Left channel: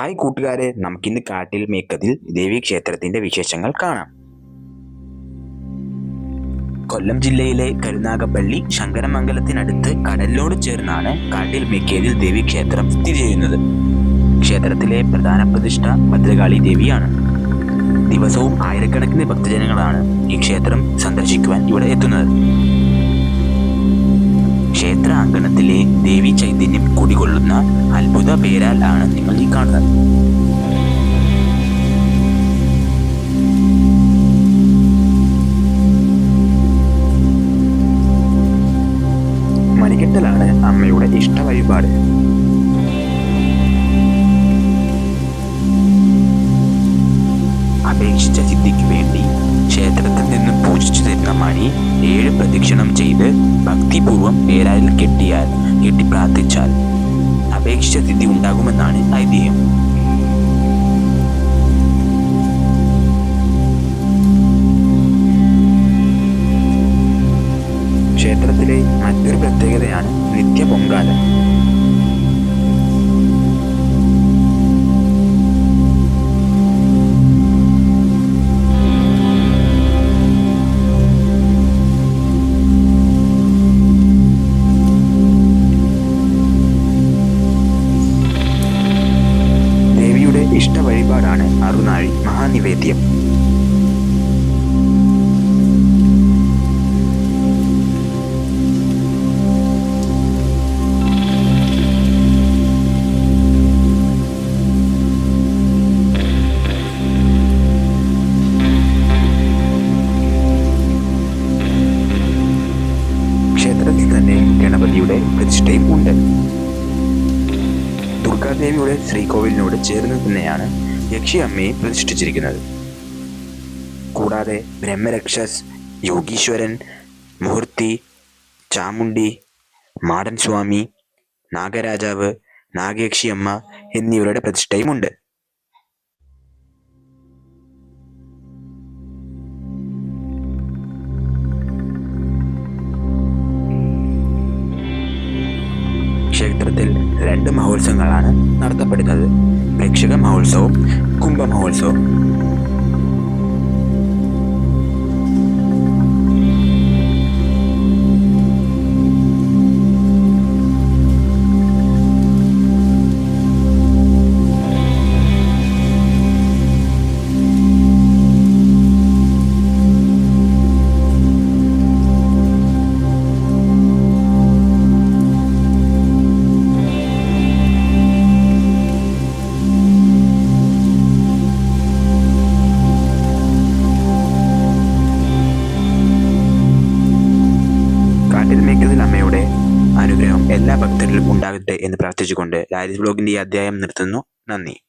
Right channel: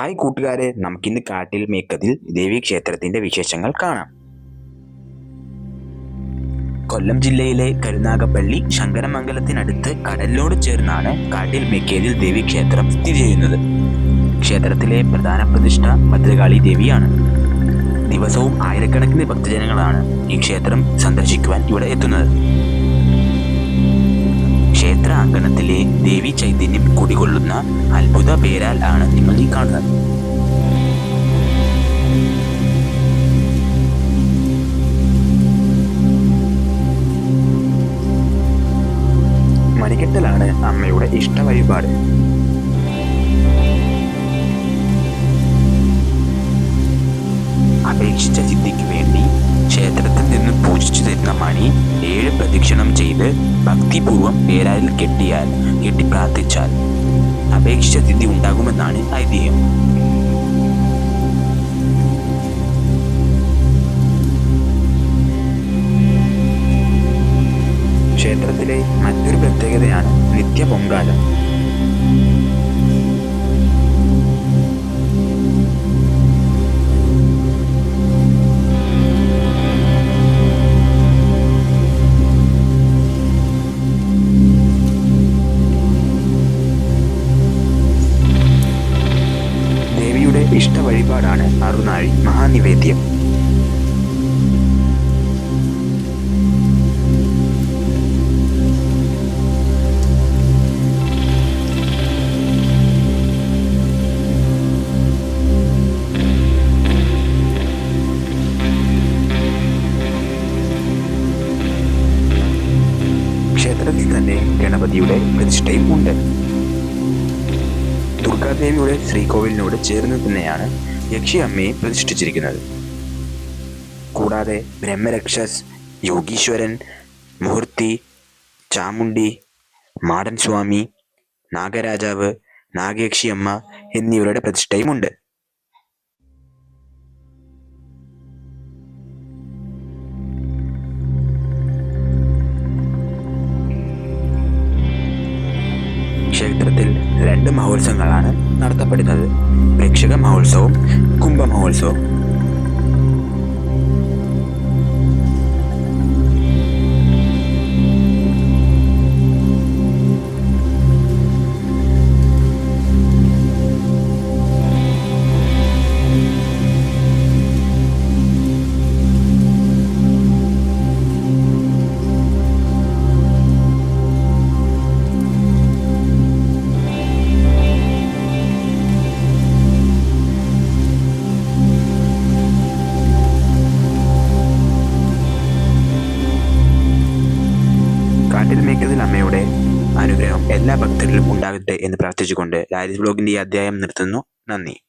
Hi കൂട്ടുകാരെ. നമുക്കിന്ന് കാട്ടിൽ മേക്കതിൽ ദേവീക്ഷേത്രത്തിന്റെ വിശേഷങ്ങൾ കാണാം. കൊല്ലം ജില്ലയിലെ കരുനാഗപ്പള്ളി ശങ്കരമംഗലത്തിനടുത്ത് കടലിനോട് ചേർന്നാണ് കാട്ടിൽ മേക്കേതിൽ ദേവീക്ഷേത്രം സ്ഥിതി ചെയ്യുന്നത്. ക്ഷേത്രത്തിലെ പ്രധാന പ്രതിഷ്ഠ ഭദ്രകാളി ദേവിയാണ്. ദിവസവും ആയിരക്കണക്കിന് ഭക്തജനങ്ങളാണ് ഈ ക്ഷേത്രം സന്ദർശിക്കുവാൻ ഇവിടെ എത്തുന്നത്. ക്ഷേത്ര അങ്കണത്തിലെ ദേവി ചൈതന്യം കുടികൊള്ളുന്ന അത്ഭുത പേരാൽ ആണ് നിങ്ങൾ ഈ കാണുന്നത്. മണികെട്ടലാണ് അമ്മയുടെ ഇഷ്ട വഴിപാട്. അപേക്ഷിച്ച സിദ്ധിക്ക് വേണ്ടി ക്ഷേത്രത്തിൽ നിന്നും പൂജിച്ചു തരുന്ന മണി ഏഴ് പ്രദക്ഷിണം ചെയ്ത് ഭക്തിപൂർവം പേരാലിൽ കെട്ടിയാൽ കെട്ടി പ്രാർത്ഥിച്ചാൽ അപേക്ഷിച്ച തിഥി ഉണ്ടാകുമെന്നാണ് ഐതിഹ്യം. ക്ഷേത്രത്തിലെ മറ്റൊരു പ്രത്യേകതയാണ് നിത്യ പൊങ്കാല. വഴിപാടാണ് അറുനാഴി മഹാനിവേദ്യം. ക്ഷേത്രത്തിൽ തന്നെ ഗണപതിയുടെ പ്രതിഷ്ഠയും ഉണ്ട്. ദുർഗാദേവിയുടെ ശ്രീകോവിലിനോട് ചേർന്ന് തന്നെയാണ് യക്ഷിയമ്മയെ പ്രതിഷ്ഠിച്ചിരിക്കുന്നത്. കൂടാതെ ബ്രഹ്മരക്ഷസ് യോഗീശ്വരൻ മുഹൂർത്തി ചാമുണ്ടി മാടൻ സ്വാമി നാഗരാജാവ് നാഗയക്ഷിയമ്മ എന്നിവരുടെ പ്രതിഷ്ഠയും പ്രതിഷ്ഠയുമുണ്ട്. ക്ഷേത്രത്തിൽ രണ്ട് മഹോത്സവങ്ങളാണ് നടത്തപ്പെടുന്നത്. ప్రేక్షక మహోత్సవం కుంభ మహోత్సవం കാട്ടിൽ മേക്കതിൽ അമ്മയുടെ അനുഗ്രഹം. എല്ലാ ഭക്തരിലും ഉണ്ടാകട്ടെ എന്ന് പ്രാർത്ഥിച്ചുകൊണ്ട് ലാരിസ് ബ്ലോഗിന്റെ ഈ അധ്യായം നിർത്തുന്നു. നന്ദി.